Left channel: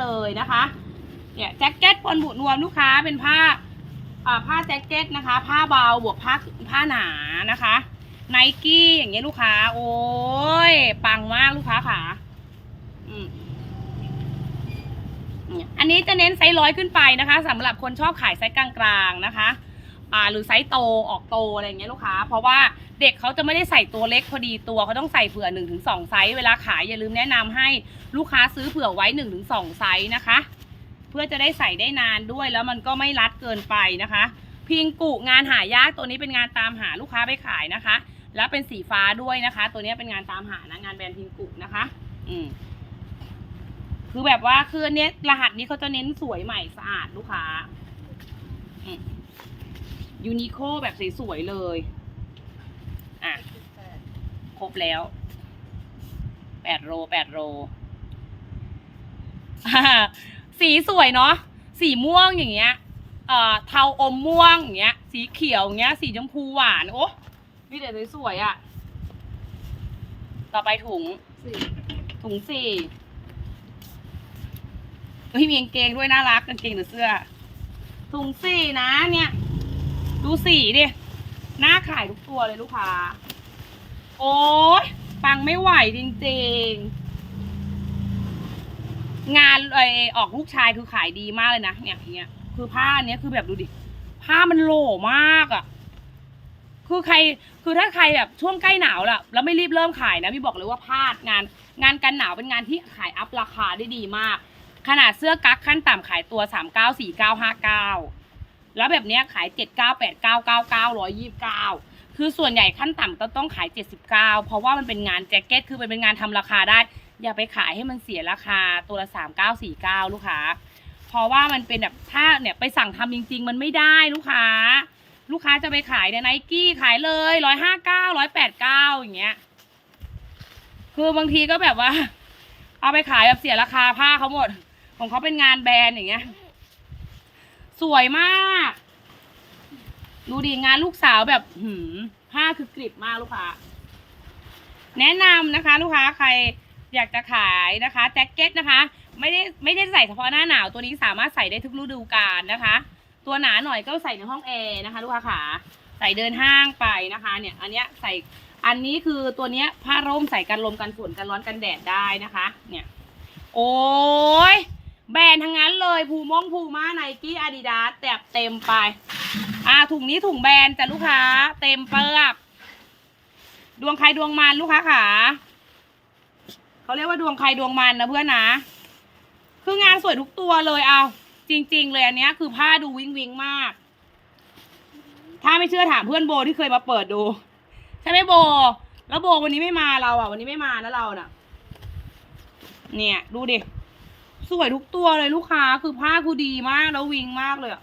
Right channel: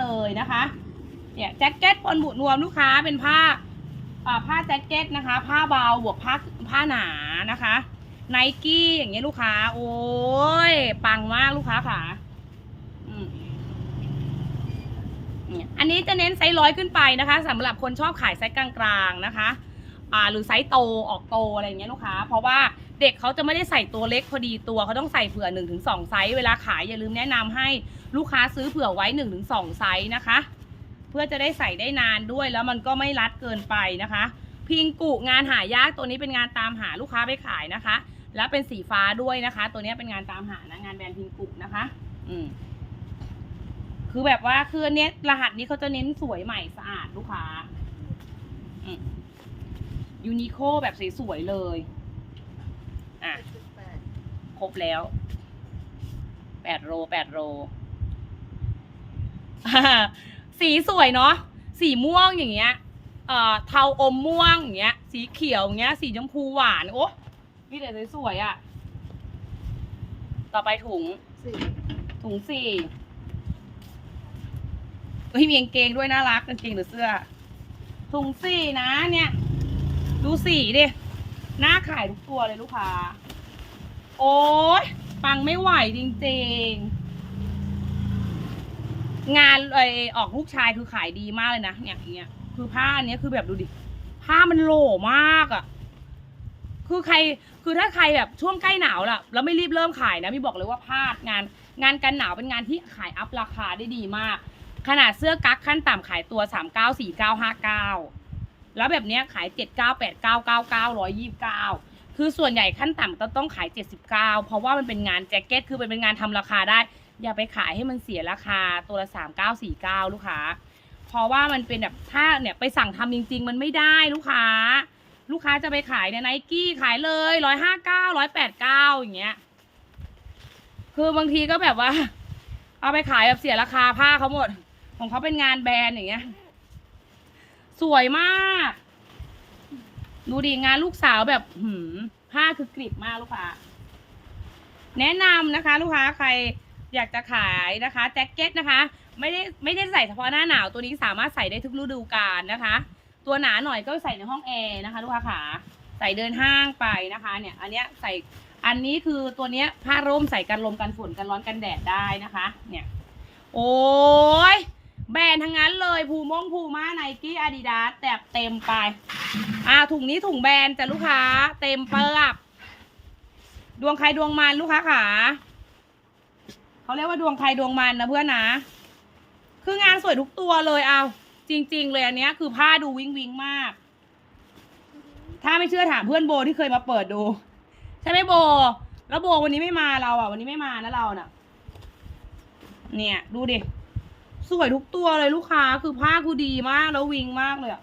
เลยนะคะเนี่ยแจ็คเก็ตปนบุนวมลูกค้าเป็นผ้าผ้าแจ็คเก็ตนะคะ ผ้าเบาบวกผ้าผ้าหนานะคะไนกี้อย่างเงี้ยลูกค้า โอ้ยปังมากลูกค้าค่ะอืมอันนี้จะเน้นไซส์ร้อยขึ้นไปนะคะสำหรับคนชอบขายไซส์กลางๆนะคะอ่าหรือไซส์โตออกโตอะไรเงี้ยลูกค้า เพราะว่าเด็กเขาจะไม่ได้ใส่ตัวเล็กพอดีตัวเขาต้องใส่เผื่อ1นถึงสไซส์เวลาขายอย่าลืมแนะนำให้ ลูกค้าซื้อเผื่อไว้1นถึงสไซส์นะคะ เพื่อจะได้ใส่ได้นานด้วยแล้วมันก็ไม่รัดเกินไปนะคะ พิงกุงานหายากตัวนี้เป็นงานตามหาลูกค้าไปขายนะคะ แล้วเป็นสีฟ้าด้วยนะคะ ตัวนี้เป็นงานตามหานะงานแบรนด์พิงกุนะคะ อืมคือแบบว่าคือเนี้ยรหัสนี้เขาจะเน้นสวยใหม่สะอาดลูกค้ายูนิโคแบบสวยๆเลย อะ ครบแล้วแปดโลแปดโล สีสวยเนาะสีม่วงอย่างเงี้ยเอ่อเทาอมม่วงอย่างเงี้ย สีเขียวอย่างเงี้ย สีชมพูหวานโอ้นี่เดี๋ยวสวยๆอะ่ะ ต่อไปถุงถุงสี่เฮ้ยมีกางเกงด้วยน่ารักกางเกงหรือเสื้อ ถุงสี่นะเนี่ย ดูสีดิหน้าขายทุกตัวเลยลูกค้า โอ้ยปังไม่ไหวจริงๆ งานไอออกลูกชายคือขายดีมากเลยนะเนี่ยเนี้ยคือผ้าอันเนี้ยคือแบบดูดิ ผ้ามันโหล่มากอะ่ะ คือใครคือถ้าใครแบบช่วงใกล้หนาวล่ะ แล้วไม่รีบเริ่มขายนะพี่บอกเลยว่าพลาดงานงานกันหนาวเป็นงานที่ขายอัพราคาได้ดีมาก ขนาดเสื้อกั๊กขั้นต่ำขายตัวสามเก้าสี่เก้าห้าเก้าแล้วแบบเนี้ยขายเจ็ดเก้าแปดเก้าเก้าเก้าร้อยยี่สิบเก้าคือส่วนใหญ่ขั้นต่ำต้องต้องขาย 79 เพราะว่ามันเป็นงานแจ็คเก็ต คือมันเป็นงานทำราคาได้ อย่าไปขายให้มันเสียราคาตัวละ3949ลูกค้า เพราะว่ามันเป็นแบบถ้าเนี่ยไปสั่งทำจริง ๆ มันไม่ได้ลูกค้า ลูกค้าจะไปขายเนี่ยไนกี้ขายเลย159 189อย่างเงี้ย คือบางทีก็แบบว่า เอาไปขายแบบเสียราคาผ้าเขาหมด ของเขาเป็นงานแบรนด์อย่างเงี้ย สวยมากดูดิงานลูกสาวแบบหืมผ้าคือกริบมากลูกค้า แนะนำนะคะ ลูกค้าใคร อยากจะขายนะคะแจ็คเก็ตนะคะ ไม่ได้ไม่ได้ใส่เฉพาะหน้าหนาวตัวนี้สามารถใส่ได้ทุกฤดูกาลนะคะ ตัวหนาหน่อยก็ใส่ในห้องแอร์นะคะลูกค้าขาใส่เดินห้างไปนะคะเนี่ยอันเนี้ยใส่อันนี้คือตัวเนี้ยผ้าร่มใส่กันลมกันฝนกันร้อนกันแดดได้นะคะเนี่ยโอ้ยแบรนด์ทั้งนั้นเลยภูมงภูมาไนกี้อาดิดาสแตบเต็มไป อ่าถุงนี้ถุงแบรนด์จ้ะลูกค้า เต็มเปิบดวงใครดวงมันลูกค้าขา เขาเรียกว่าดวงใครดวงมันนะเพื่อนนะ คืองานสวยทุกตัวเลยเอา จริง ๆ เลยอันเนี้ยคือผ้าดูวิงวิงมาก ถ้าไม่เชื่อถามเพื่อนโบที่เคยมาเปิดดู ใช่ไหมโบ แล้วโบวันนี้ไม่มาเราอะ วันนี้ไม่มานะเราน่ะ เนี่ย ดูดิสวยทุกตัวเลยลูกค้าคือผ้าคือดีมากแล้ววิงมากเลยอะ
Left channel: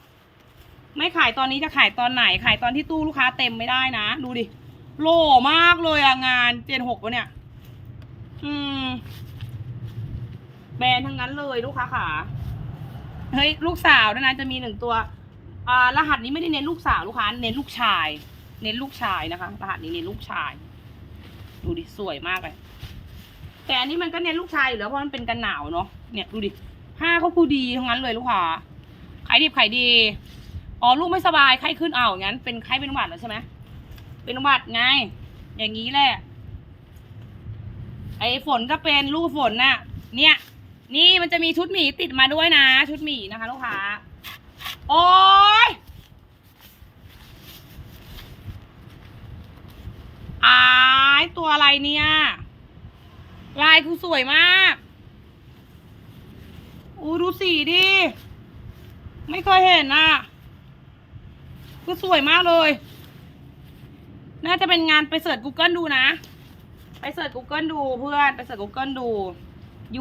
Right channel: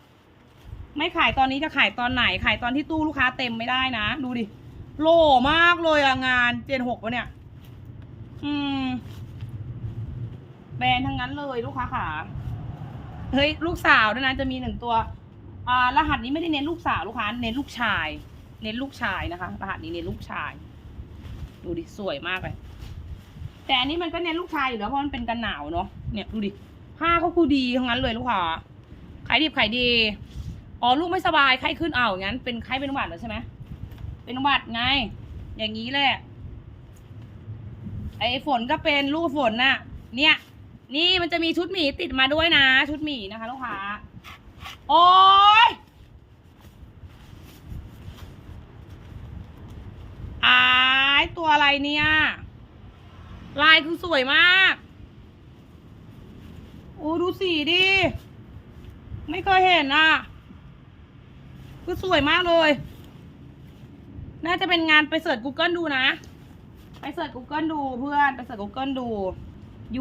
ไม่ขายตอนนี้จะขายตอนไหนขายตอนที่ตู้ลูกค้าเต็มไม่ได้นะ ดูดิโล่มากเลยอะงานเจนหกวะเนี่ย อืม แบรนด์ทั้งนั้นเลยลูกค้าขาเฮ้ยลูกสาวด้วยนะจะมีหนึ่งตัว อ่ารหัสนี้ไม่ได้เน้นลูกสาวลูกค้าเน้นลูกชาย เน้นลูกชายนะคะ รหัสนี้เน้นลูกชาย ดูดิสวยมากเลย แต่อันนี้มันก็เน้นลูกชายอยู่แล้วเพราะมันเป็นกันหนาวเนาะเนี่ยดูดิผ้าเขาคือดีทั้งนั้นเลยลูกค้าขายดิบขายดีอ๋อลูกไม่สบายไข้ขึ้นเอาอย่างนั้นเป็นไข้เป็นหวัดแล้วใช่ไหมเป็นหวัดไง อย่างนี้แหละ ไอ้ฝนก็เป็นลูกฝนน่ะ เนี่ย นี่มันจะมีชุดหมีติดมาด้วยนะ ชุดหมีนะคะลูกค้า โอ้ยอายตัวอะไรเนี่ย ลายคือสวยมากอู้ดูสีดิ ไม่เคยเห็นอะ คือสวยมากเลย น่าจะเป็นงานไปเสิร์ช Google ดูนะ เสิร์ช Google ดูเพื่อน ไปเสิร์ช Google ดู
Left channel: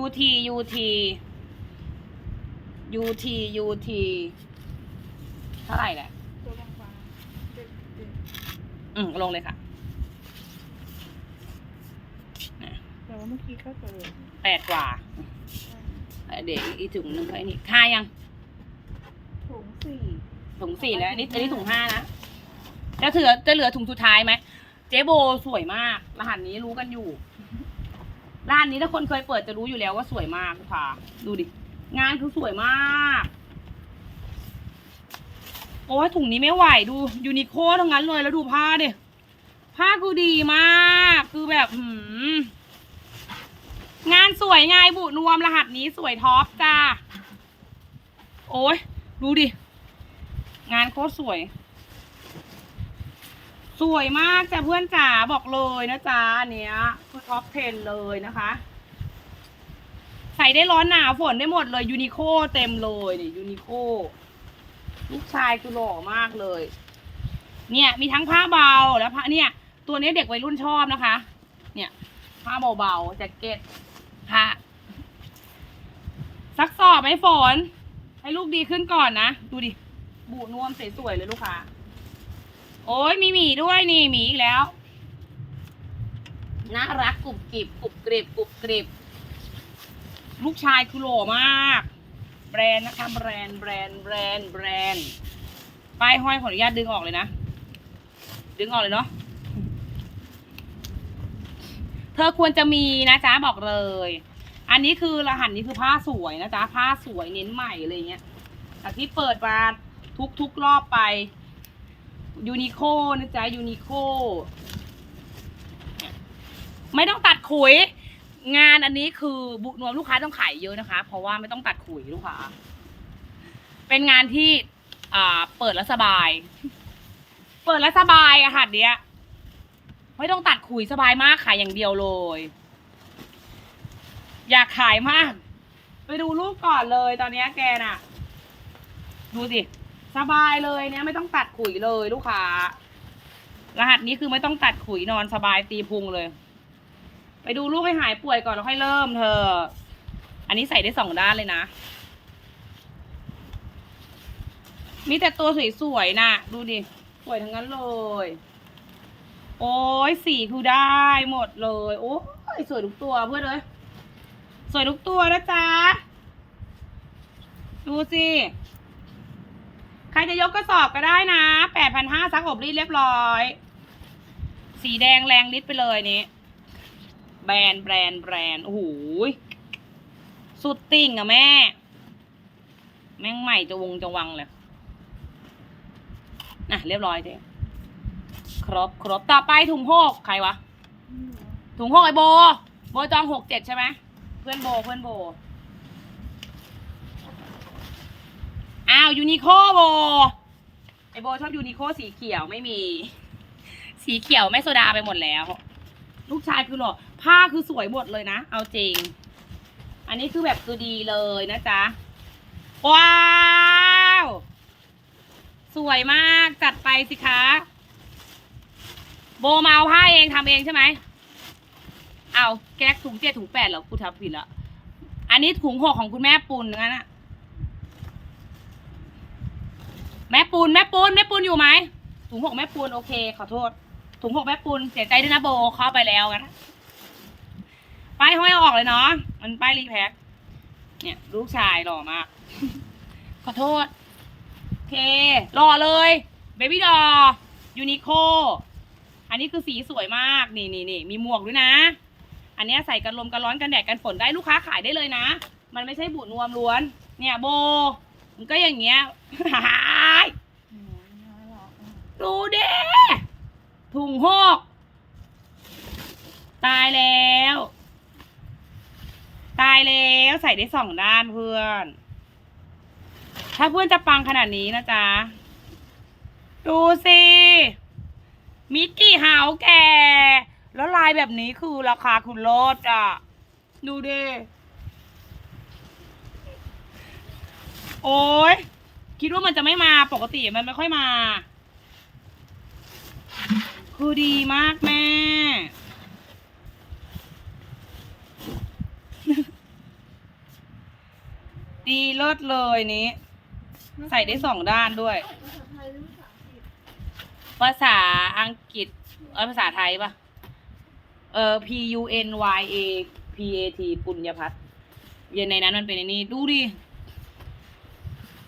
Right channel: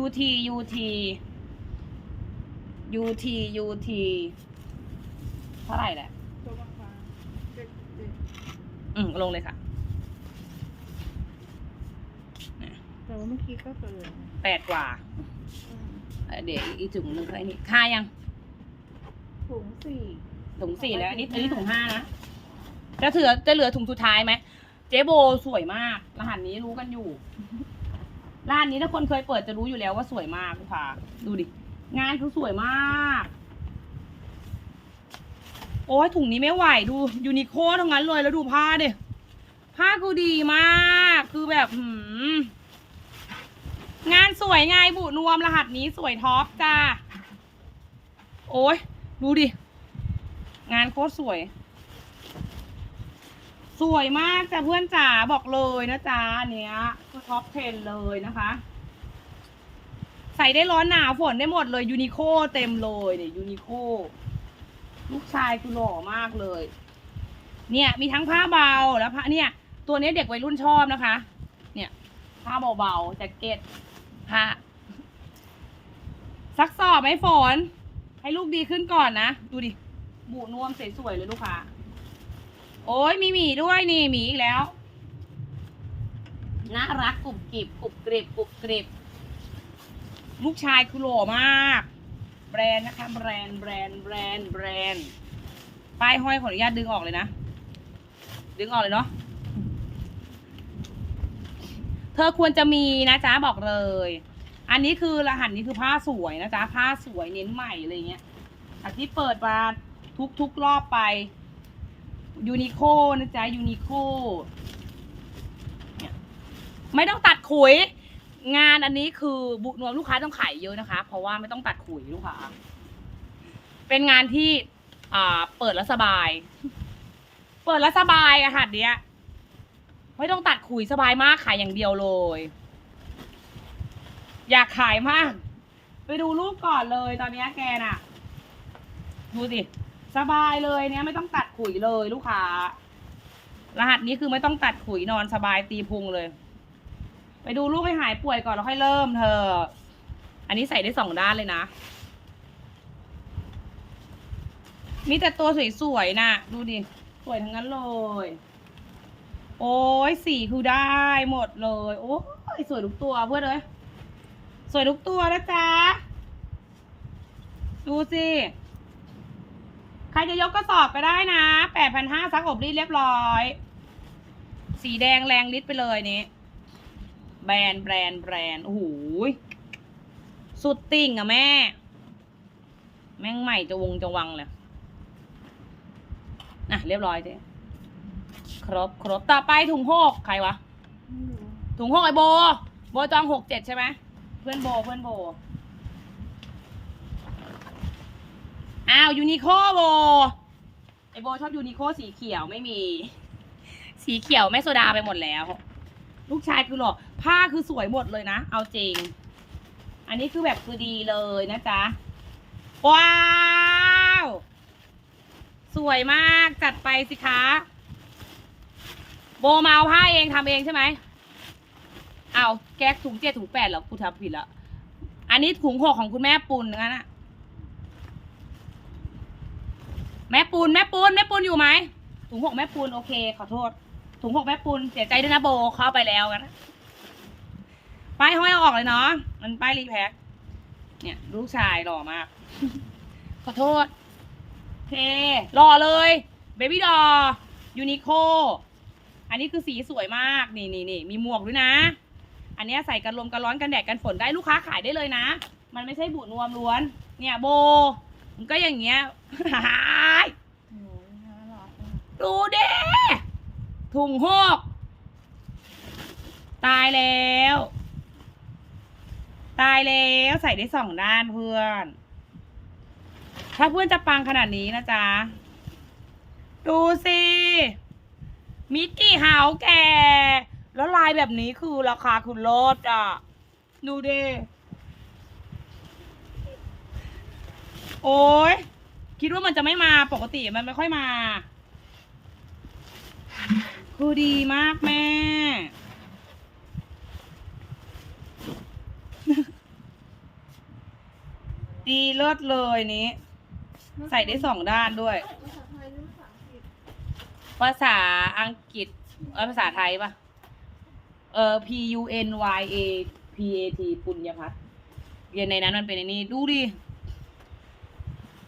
UT UT UT UT เท่าไหร่แหละ อืมลงเลยค่ะแต่ว่าเมื่อกี้ก็เจอแปดกว่าเอ่อเดี๋ยวอีกถุงหนึ่งเขาไอ้นี่ค่ายัง ถุงสี่ถุงสี่แล้วอันนี้อันนี้ถุงห้านะ จะเหลือจะเหลือถุงสุดท้ายไหม เจ๊โบสวยมาก รหัสนี้รู้กันอยู่ ร้านนี้ถ้าคนเคยเปิดจะรู้อยู่แล้วว่าสวยมากลูกค้าดูดิ งานคือสวยมาก โอ้ยถุงนี้ไม่ไหวดูยูนิโคทั้งนั้นเลยแล้วดูผ้าดิผ้าคือดีมาก คือแบบหืมงานสวยไงบุนวมรหัสนี้สวยท็อปจ้า โอ้ยดูดิ งานโคตรสวย สวยมากจ้ะเพื่อนจ๋าบอกเลยนะจ๊ะอันเนี้ยคือท็อป10เลยนะคะ ใส่ได้ร้อนหนาวฝนได้หมดเลยยูนิโคเต็มเลยเนี่ยยูนิโคลูกชายคือหล่อมากเลย เนี่ยมีทั้งผ้าเบาแล้วผ้าเนี่ย ตัวนี้เด็กวัยรุ่นชอบนะคะ เนี่ยผ้าเบาๆแจ็คเก็ตผ้าซักสอบไหมฝน ให้ลูกดีขึ้นก่อนนะ ดูดิ บูนวมสวยๆเลยลูกค้า โอ้ยมีหมีด้วยนี่หมีอีกแล้วน่ารักกรุบกริบกรุบกริบกรุบกริบลูกชายคือหล่อมาก แบรนด์นะคะแบรนด์แบรนด์แบรนด์แบรนด์ป้ายห้อยขออนุญาตดึงออกเลยนะ ดึงออกเลยเนาะเธอควรจะมีนะจ๊ะบอกเลย อันนี้คือรหัสนี้คือผ้าสวยนะจ๊ะผ้าสวยเน้นใหม่อะไรเงี้ยจากที่เปิดมาทุกทุกๆรอบไป ยูนิโคนะจ๊ะยูนิโคไม่ต้องตัดขุย งานอันนี้คือบุนวมลูกค้าต้องขายเยอะนะคะ เพราะว่าไม่ต้องตัดขุยลูกค้าเป็นงานที่อ่าเปิดแล้วสบาย เปิดแล้วสบายอะหัดเนี้ยไม่ต้องตัดขุยสบายมากขายอย่างเดียวเลย อยากขายมาก ไปดูรูปก่อนเลยตอนนี้แกน่ะ ดูสิ สบายเลยเนี่ยไม่ต้องตัดขุยเลยลูกค้า รหัสนี้คือไม่ต้องตัดขุยนอนสบายตีพุงเลย ไปดูลูกให้หายป่วยก่อนแล้วค่อยเริ่มเธอ อันนี้ใส่ได้สองด้านเลยนะ มีแต่ตัวสวยๆนะดูดิ สวยทั้งนั้นเลย โอ้ยสีคือได้หมดเลย โอ้ยสวยทุกตัวเพื่อนเลย สวยทุกตัวนะจ๊ะ ดูสิ ครจะยกกระสอบก็ได้นะแปดพันห้าซักอบรีดเรียบร้อย สีแดงแรงลิตรไปเลยนี้ แบรนด์แบรนด์แบรนด์โอ้โหสุดติ่งอะแม่ แม่งใหม่จะวงจะวังเลยน่ะ เรียบร้อยเจ๊ครบครบต่อไปถุงหกใครวะ ถุงหกไอโบ โบจองหกเจ็ดใช่ไหม เพื่อนโบเพื่อนโบาวยูนิโคโบไอโบชอบยูนิโคสีเขียวไม่มี สีเขียวไม่โซดาไปหมดแล้ว ลูกชายคือหล่อผ้าคือสวยหมดเลยนะ เอาจริง อันนี้คือแบบคือดีเลยนะจ๊ะ ว้าว สวยมากจัดไปสิคะ โบมาเอาผ้าเองทำเองใช่ไหมเอาแก๊กถุงเจ็ดถุงแปดเหรอกูทำผิดละอันนี้ถุงหกของคุณแม่ปุณนั่นนะ แม่ปูนแม่ปูนแม่ปูนอยู่ไหมถุงหกแม่ปูนโอเค ขอโทษ ถุงหกแม่ปูนเสียใจด้วยนะโบเข้าไปแล้วกันป้ายห้อยเอาออกเลยเนาะมันป้ายรีแพ็คเนี่ยลูกชายหล่อมาก ขอโทษโอเคหล่อเลยเบบี้ดอยูนิโคอันนี้คือสีสวยมากนี่นี่นี่มีหมวกด้วยนะ อันนี้ใส่กันลมกันร้อนกันแดดกันฝนได้ลูกค้าขายได้เลยนะ มันไม่ใช่บุนวมล้วน เนี่ยโบ มันก็อย่างเงี้ยโอ้ยน่ารักอะดูเด้ถุงหก ตายแล้ว ตายแล้วใส่ได้สองด้านเพื่อน ถ้าเพื่อนจะปังขนาดนี้นะจ๊ะ ดูสิ มิกกี้เฮาส์แกแล้วลายแบบนี้คือราคาคุณโลดอะ ดูดิ โอ้ยคิดว่ามันจะไม่มาปกติมันไม่ค่อยมา คือดีมากแม่ ดีเลิศเลยนี้ ใส่ได้สองด้านด้วย ภาษาอังกฤษ เออภาษาไทยปะเออ P U N Y A P A T ปุญญพัฒน์เย็นในนั้นมันเป็นอ้นี่ดูดิ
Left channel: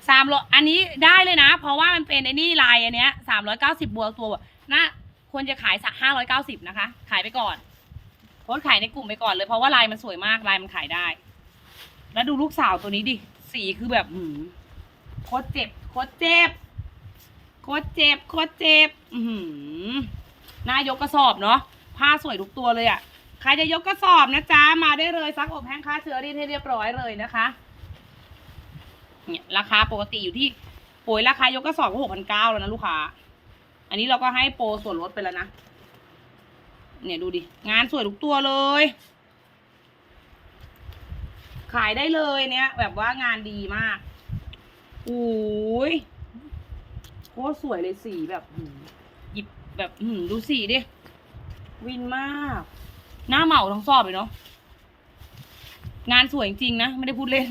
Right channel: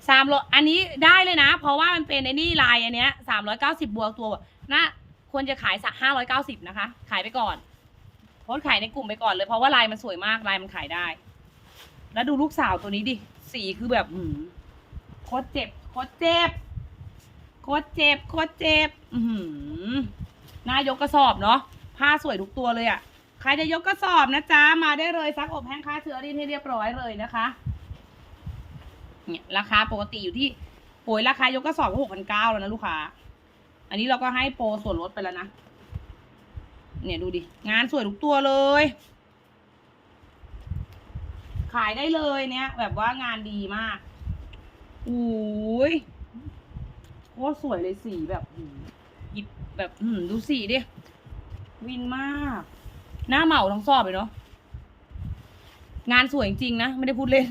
สามร้อยอันนี้ได้เลยนะ เพราะว่ามันเป็นไอ้นี่ลายอันเนี้ยสามร้อยเก้าสิบบวกตัวน่าควรจะขายสักห้าร้อยเก้าสิบนะคะ ขายไปก่อนโพสขายในกลุ่มไปก่อนเลย เพราะว่าลายมันสวยมากลายมันขายได้ แล้วดูลูกสาวตัวนี้ดิ สีคือแบบหืมโคตรเจ็บโคตรเจ็บโคตรเจ็บโคตรเจ็บอือหือน่ายกกระสอบเนาะผ้าสวยทุกตัวเลยอะ่ะใครจะยกกระสอบนะจ๊ะมาได้เลยซักอบแห้งค่าเชื้อรินให้เรียบร้อยเลยนะคะ เนี่ยราคาปกติอยู่ที่โปรยราคายกกระสอบก็หกพันเก้าแล้วนะลูกค้า อันนี้เราก็ให้โปรส่วนลดไปแล้วนะ เนี่ยดูดิ งานสวยทุกตัวเลย ขายได้เลยเนี่ย แบบว่างานดีมากอุ้ยโคตรสวยเลยสีแบบหยิบแบบหืดูสีดิ วินมาก หน้าเหมาทั้งสอบเลยเนาะงานสวยจริงๆนะ ไม่ได้พูดเล่น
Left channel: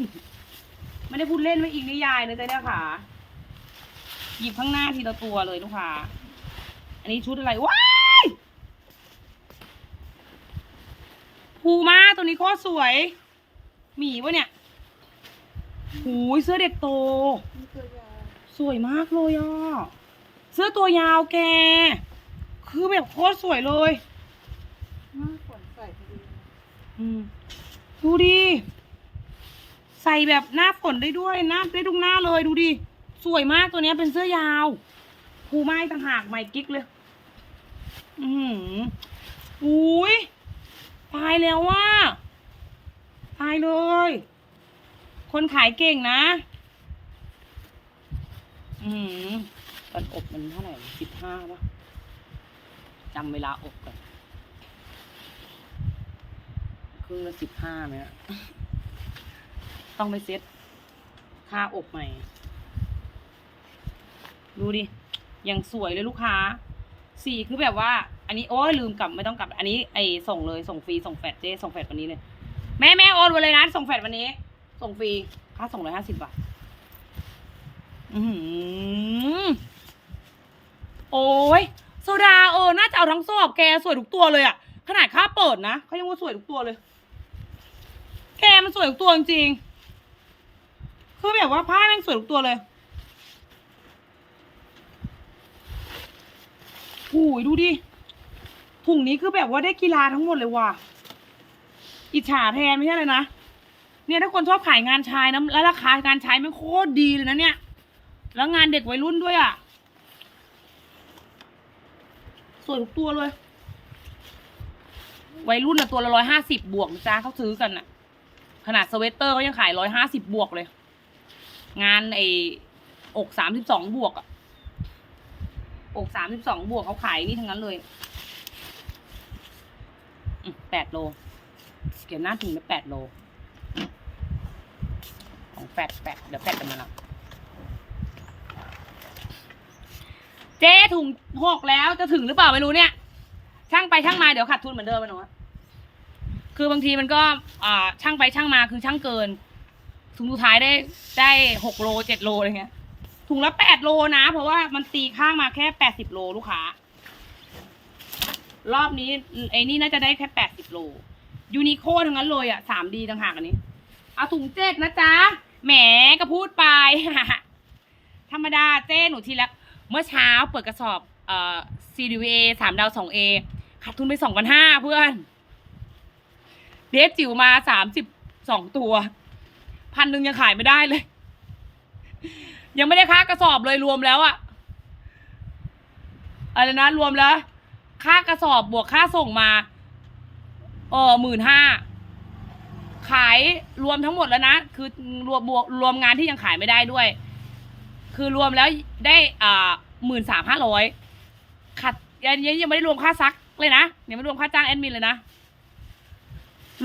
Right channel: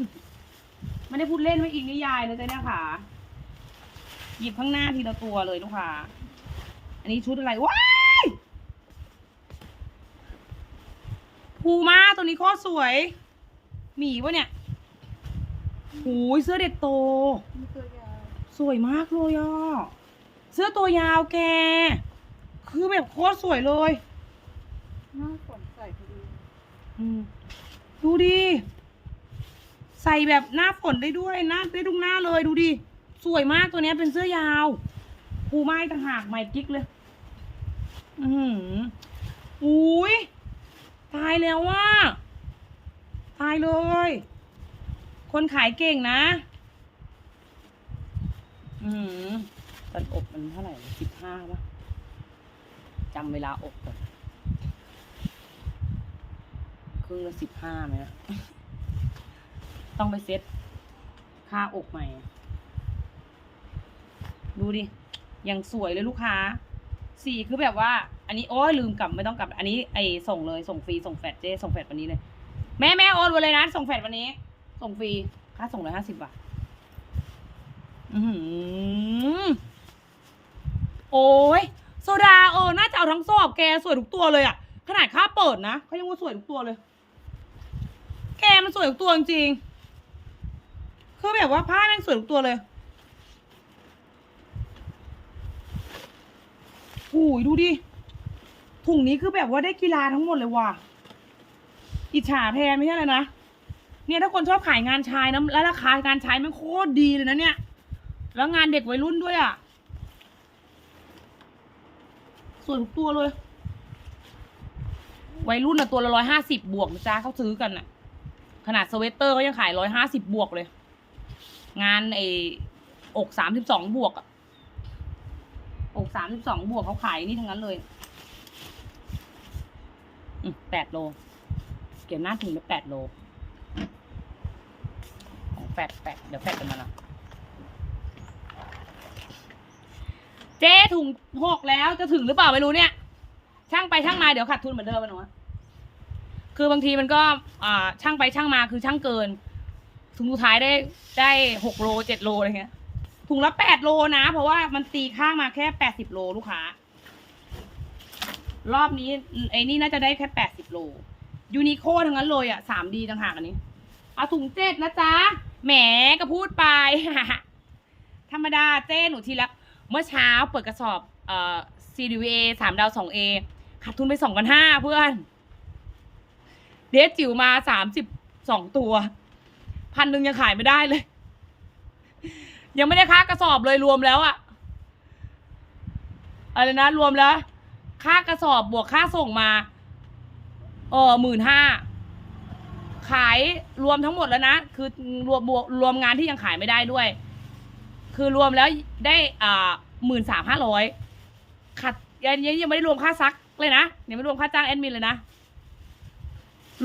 ไม่ได้พูดเล่นไม่อิงนิยายนะจ๊ะเนี่ยค่ะ หยิบข้างหน้าทีละตัวเลยลูกค้า อันนี้ชุดอะไร ว้ายภูมาตัวนี้โคตรสวย หมีวะเนี่ยหูยเสื้อเด็กโตนี่ตัวยาวสวยมากเลยอะ เสื้อตัวยาวแก คือแบบโคตรสวยเลยหน้าฝนใส่พอดีอืมดูดิ ใส่แบบหน้าฝนได้ด้วยหน้าได้ทุกหน้าเลยดูดิ สวยมากตัวเนี้ยเป็นเสื้อยาวภูไม้ต่างหากใหม่กิ๊กเลย อืออุ้ยตายแล้วว่าตายเลย คนขายเก่งนะ อือหือกันอบมันเท่าไหร่สิบห้าป่ะจำเวลาอบก่อนครึ่งละสิบห้าไหมอะ ต้องไปเซ็ตค่าอกใหม่ ดูดิยังสวยเลยลูกค้า สีคือแบบว่า อันนี้โอ้ยลืมกลับไม่ต้องกลับ อันนี้ไอส่งเลยส่งฟรีส่งแฟดเจส่งแฟดวันนี้เลย แม่แม่โอนไว้เลยนะ ส่งแฟดวันนี้ ส่งฟรีค่าส่งร้อยห้าสิบบาทอือโอ้ยโซดาเออน่าจะเอาทั้งสอบแกสวยทุกตัวเลยอะขนาดค่าเปิดนะเขายังว่าสวยทุกตัวเลย แกมันสวยทุกตัวจริงๆ คือแบบว่าผ้าแม่งสวยทุกตัวเลยหูยดูดิถุงนี้คือแบบว่าได้กีฬาทั้งหมดเลยว่ะ อิจฉาแทนไม่ใช่เลยนะ เนี่ยถ้าคนชอบขายงานชายนะแล้วราคางานชายมันโคตรดีเลยนะเนี่ย แล้วงานเด็กวัยรุ่นด้วยอะ สวยทุกตัวเลย วัยรุ่นอะตัวละร้อยห้าสิบบวกนะจ๊ะเขาซื้อกันอะขนาดสเวตเตอร์เขายังขายร้อยห้าสิบบวกเลย งานไออกสามสิบสองบวกอะอกสามสิบสองบวกเขาขายนี่ทั้งนั้นเลยแปดโล เก็บหน้าถึงไปแปดโล ของแปดแปดเดี๋ยวแปดกันมาละเจ๊ถุงหกแล้วจะถึงหรือเปล่าไม่รู้เนี่ย ช่างไปช่างมาเดี๋ยวขาดทุนเหมือนเดิมอะหนูอคือบางทีมันก็อ่าช่างไปช่างมาคือช่างเกิน ถุงสุดท้ายได้ได้หกโลเจ็ดโลอะไรเงี้ย ถุงละแปดโลนะ เพราะว่ามันตีข้างมาแค่แปดสิบโลลูกค้า รอบนี้ไอ้นี่น่าจะได้แค่แปดสิบโล ยูนิโคทั้งนั้นเลยอะสามดีต่างหากอันนี้ เอาถุงเจ็ดนะจ๊ะ แหมก็พูดไป ธรรมดาเจ้หนูทีละ เมื่อเช้าเปิดกระสอบเอ่อ CDVA สามดาวสองเอขาดทุนไปสองพันห้าเพื่อน เดฟจิ๋วมาสามสิบสองตัว พันหนึ่งยังขายไม่ได้เลย ยังไม่ได้ค่ากระสอบเลยรวมแล้วอะอะไรนะรวมแล้ว ค่ากระสอบบวกค่าส่งมาเออหมื่นห้าขายรวมทั้งหมดแล้วนะ คือรวมบวกรวมงานที่ยังขายไม่ได้ด้วย คือรวมแล้วได้อ่าหมื่นสามห้าร้อยขัดยังยังยังไม่ได้รวมค่าซักเลยนะยังไม่รวมค่าจ้างแอดมินเลยนะ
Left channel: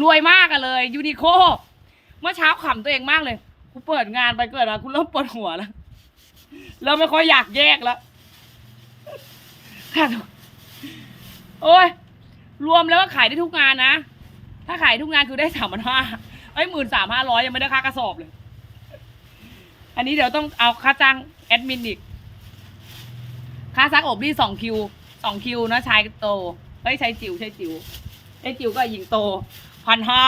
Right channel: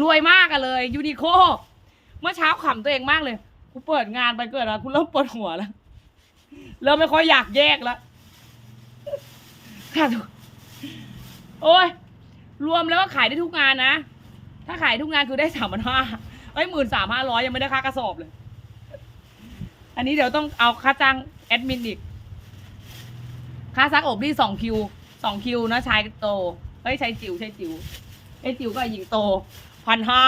รวยมากอะเลยยูนิโค เมื่อเช้าขำตัวเองมากเลยกูเปิดงานไปเกิดมากูเริ่มปวดหัวแล้วเริ่มไม่ค่อยอยากแยกแล้วค่ะโอ้ยรวมแล้วก็ขายได้ทุกงานนะ ถ้าขายทุกงานคือได้สามพันห้าไอ้หมื่นสามห้าร้อยยังไม่ได้ค่ากระสอบเลย อันนี้เดี๋ยวต้องเอาค่าจ้างแอดมินอีก ค่าซักอบนี่สองคิวสองคิวนะชายโตเฮ้ยชายจิ๋วชายจิ๋วชายจิ๋วก็หญิงโตพันห้า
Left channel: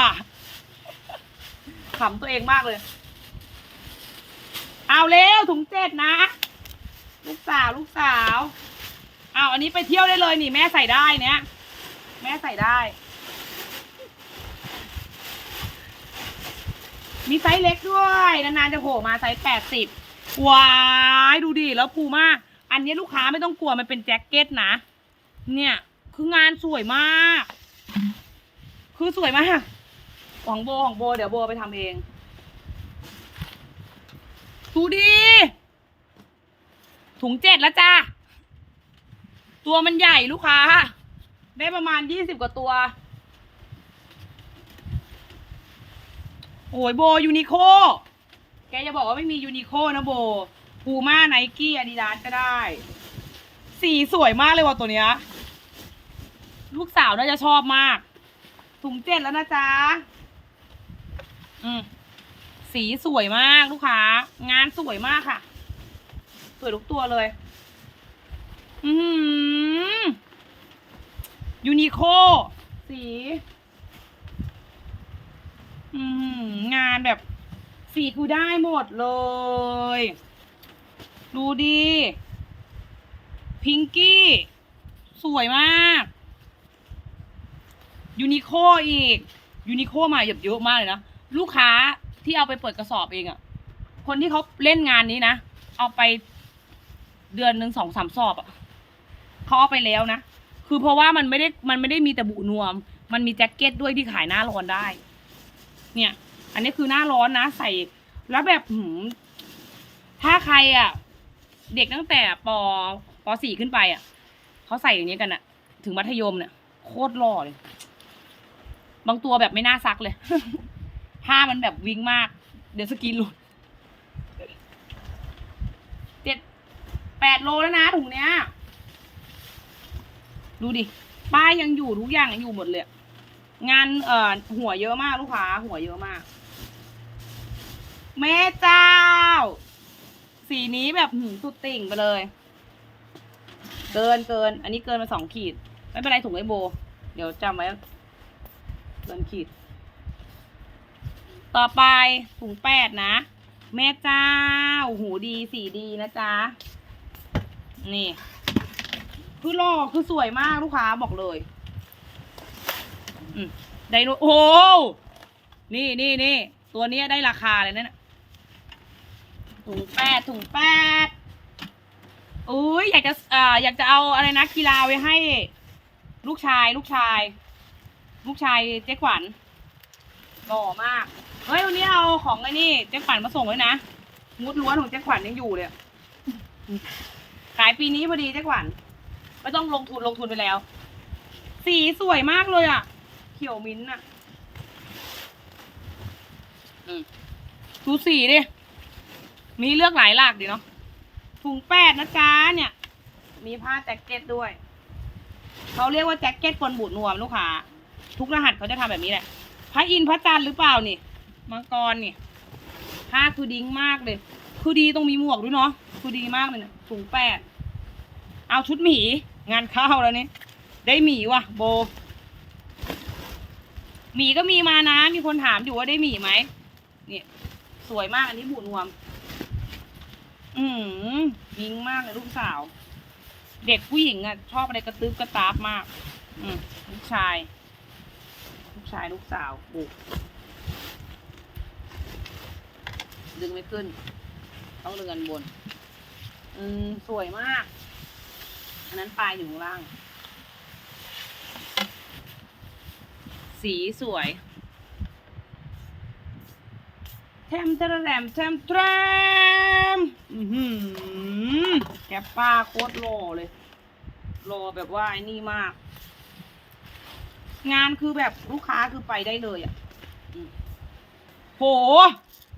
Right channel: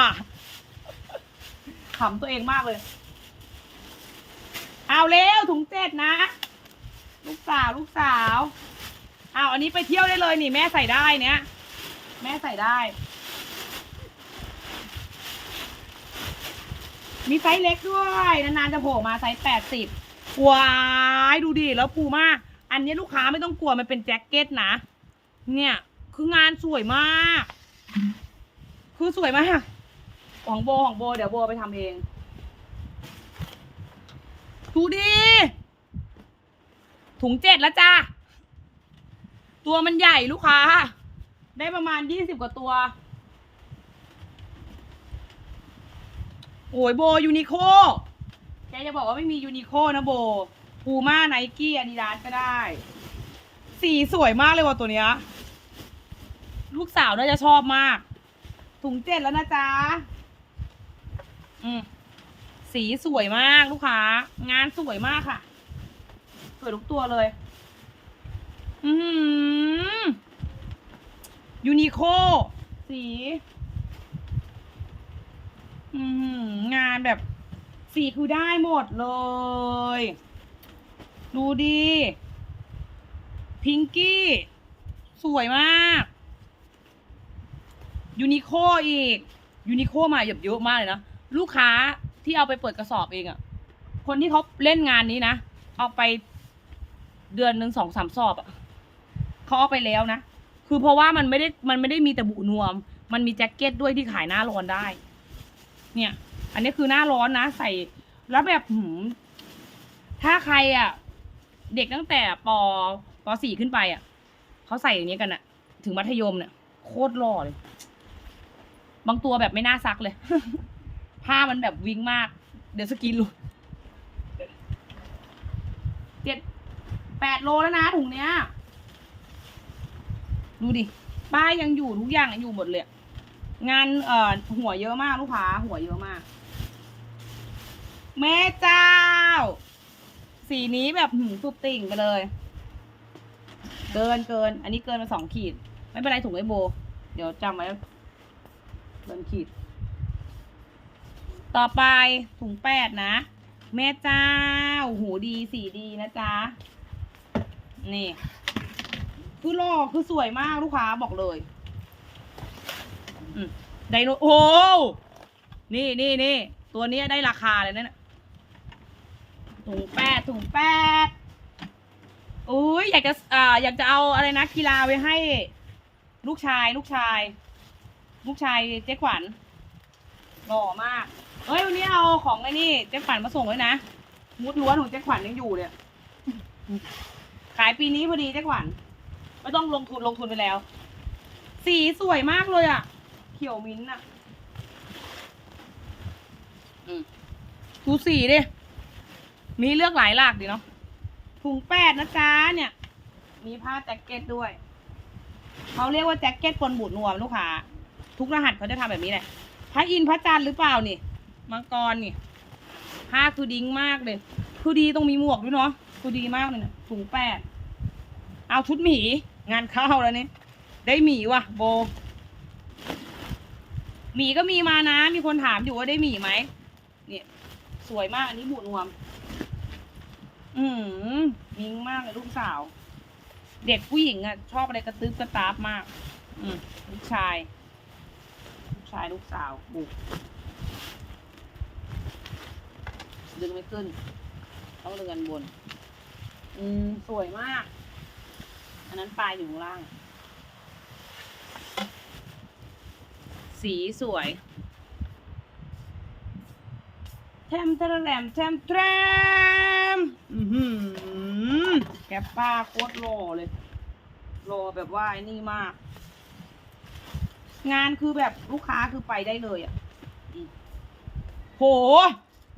ขำตัวเองมากเลย เอาเร็วถุงเจ็ดนะ ลูกสาวลูกสาวเอาอันนี้ไปเที่ยวได้เลยนี่แม่ใส่ได้เนี้ยแม่ใส่ได้ มีไซส์เล็กด้วยนานๆจะโผล่มาไซส์แปดสิบว้ายดูดิแล้วพูม่าอันนี้ลูกค้าไม่ต้องกลัวมันเป็นแจ็คเก็ตนะ เนี่ย คืองานสวยมาก คือสวยมาก ของโบของโบ เดี๋ยวโบไปทำเองดูดิถุงเจ็ดแล้วจ้า ตัวมันใหญ่ลูกค้า ได้ประมาณยี่สิบกว่าตัว โอ้ยโบยูนิโค แกจะบอกว่าไม่มียูนิโคนะโบพูม่าไนกี้อาดิดาสก็ได้ สีสวยมากเลยว่ะตัวเนี้ย ลูกสาวน่าจะชอบมาก ถุงเจ็ดแล้วนะจ๊ะ อืมสีสวยมากลูกค้า งานสวยมากค่ะ สวยทุกตัวเลย อืมยูนิโคสี อืมงานแบบ สีคือได้หมดเลย ดูดี พิงกี้ สวยมากยูนิโคอีกยูนิโคมาเยอะเยอะมากเลยนะ ลูกค้าที่เอาไปเปิดกระสอบเองอะ่ะคนที่เขาเล่นงานนี้นะเอาไปเดือนหนึ่งสองสามสอบอะ่ะเขาเอาไปแล้วนะคือเพราะว่ามันไม่ได้มันไม่ได้มีแต่บุนวม มันมีแจ็คเก็ตด้วยที่ขายหน้าร้อนได้ เนี่ย อันนี้คือหน้าร้อนนะใส่แล้วแบบหืมถ้าใครอะ่ะเด็กตั้งแต่ปปสี่ขึ้นไปอะ่ะเขาใส่อย่างนี้กันอะ่ะถึงมัธยมเนี่ยโคตรหล่อเลย บางตัวแบบไม่น่าซักเลย ผ้ามันแบบวิ่งมาก เดี๋ยวสกินหลุดเจ็ดแปดโลแล้วนะถุงเนี้ย ดูดิ ป้ายยังอยู่ทุกอย่างยังอยู่หมดเลย งานเอ่อหัวเยอะมากลูกค้าหัวเยอะมาก แม่เจ้า สีนี้แบบหืมสุดติ่งไปเลย เกินเกิน อันนี้เกินมาสองขีด ไม่เป็นไรถุงไอโบ เดี๋ยวจำไว้เกินขีด ต่อไปถุงแปดนะ แม่เจ้าหูดีสีดีนะจ๊ะ นี่ คือหล่อคือสวยมากลูกค้าบอกเลยไดโนโอ้โหนี่นี่นี่ตัวนี้ได้ราคาเลยนะเนี่ยถุงแปดถุงแปดอุ้ยอยากจะอ่าอยากจะเอาอะไรนะกีฬาไว้ให้ ลูกชาย ลูกชาย ลูกชายเจ๊ขวัญหล่อมาก เฮ้ยวันนี้เอาของไอ้นี่เจ๊ขวัญมาส่งเลยนะ มุดล้วนของเจ๊ขวัญยังอยู่เลยขายปีนี้พอดีเจ๊ขวัญไม่ต้องลงทุนลงทุนไปแล้ว สีสวยมากเลยอะ เขียวมิ้นท์อะอืมดูสีดิ มีเลือกหลายหลากดีเนาะ ถุงแปดนะจ๊ะเนี่ย มีผ้าแจ็คเก็ตด้วย เขาเรียกว่าแจ็คเก็ตปนบูดนวมลูกค้า ทุกรหัสเขาจะทำแบบนี้แหละ พระอินทร์พระจันทร์หรือเปล่านี่ มังกรนี่ผ้าคือดิ้งมากเลย คือดีต้องมีหมวกด้วยเนาะคือดีมากเลยนะถุงแปดเอาชุดหมีงานเข้าแล้วนี่ได้หมีว่ะ โบ หมีก็มีมานะ มีคนถามอยู่ว่าได้หมีไหมเนี่ยสวยมากอันนี้บูดนวม อืมมิงมากเลยลูกสาว เด็กผู้หญิงอะ ชอบอะไรกระตึ๊บกระตาบมาก อืมลูกชาย ลูกชายลูกสาวบุก ดึงไม่ขึ้น ต้องเรือนบน อืม สวยมาก อันนั้นปลายอยู่ข้างล่าง สีสวยแทมตะรแรมแทมแทรมอือหือแกปป้าโคตรหล่อเลยหล่อแบบว่าไอ้นี่มาก งานคือแบบลูกค้าคือไปได้เลยอะโห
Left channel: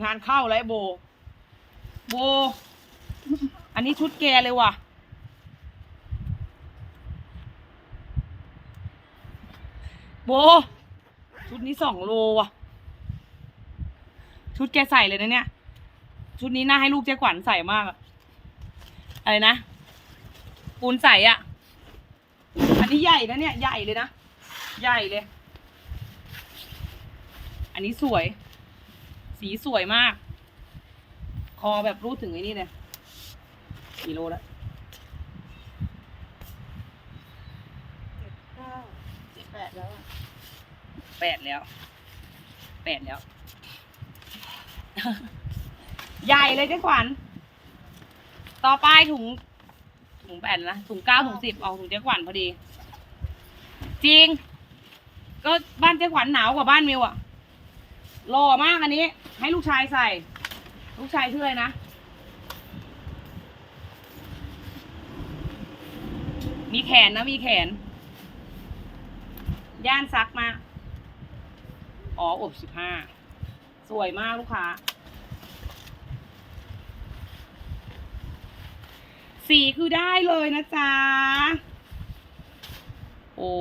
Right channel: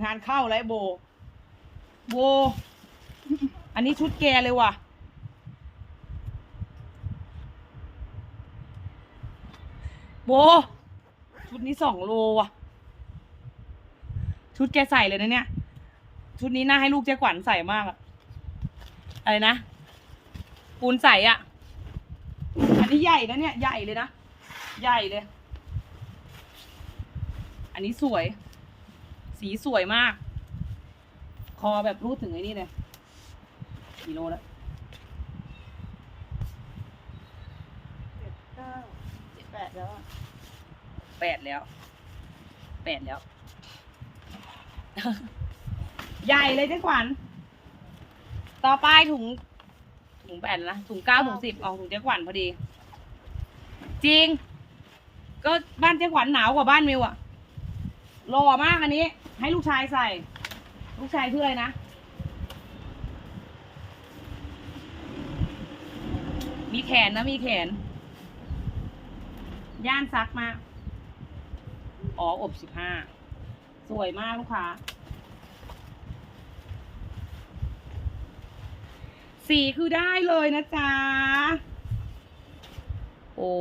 งานเข้าแล้วไอ้โบ โบ อันนี้ชุดแกเลยว่ะ โบ ชุดนี้สองโลว่ะ ชุดแกใส่เลยนะเนี่ย ชุดนี้น่าให้ลูกเจ๊ขวัญใส่มากอะอะไรนะ ปูนใส่อะอันนี้ใหญ่นะเนี่ย ใหญ่เลยนะ ใหญ่เลย อันนี้สวย สีสวยมาก คอแบบรูดถึงไอ้นี่เลยกี่โลแล้วเจ็ดเก้าเจ็ดแปดแล้วอะแปดแล้วแปดแล้ว ใหญ่เลยเจ๊ขวัญต่อไปถุงถุงแปดนะถุงเก้าถุงสิบออกถุงเจ๊ขวัญพอดี จริง ก็บ้านเจ๊ขวัญหนาวกว่าบ้านมิวอะ หล่อมากอันนี้ ให้ลูกชายใส่ ลูกชายชื่ออะไรนะมีแขนนะมีแขน ย่านซักมา อ๋อ อบสิบห้า สวยมากลูกค้า สีคือได้เลยนะจ๊ะ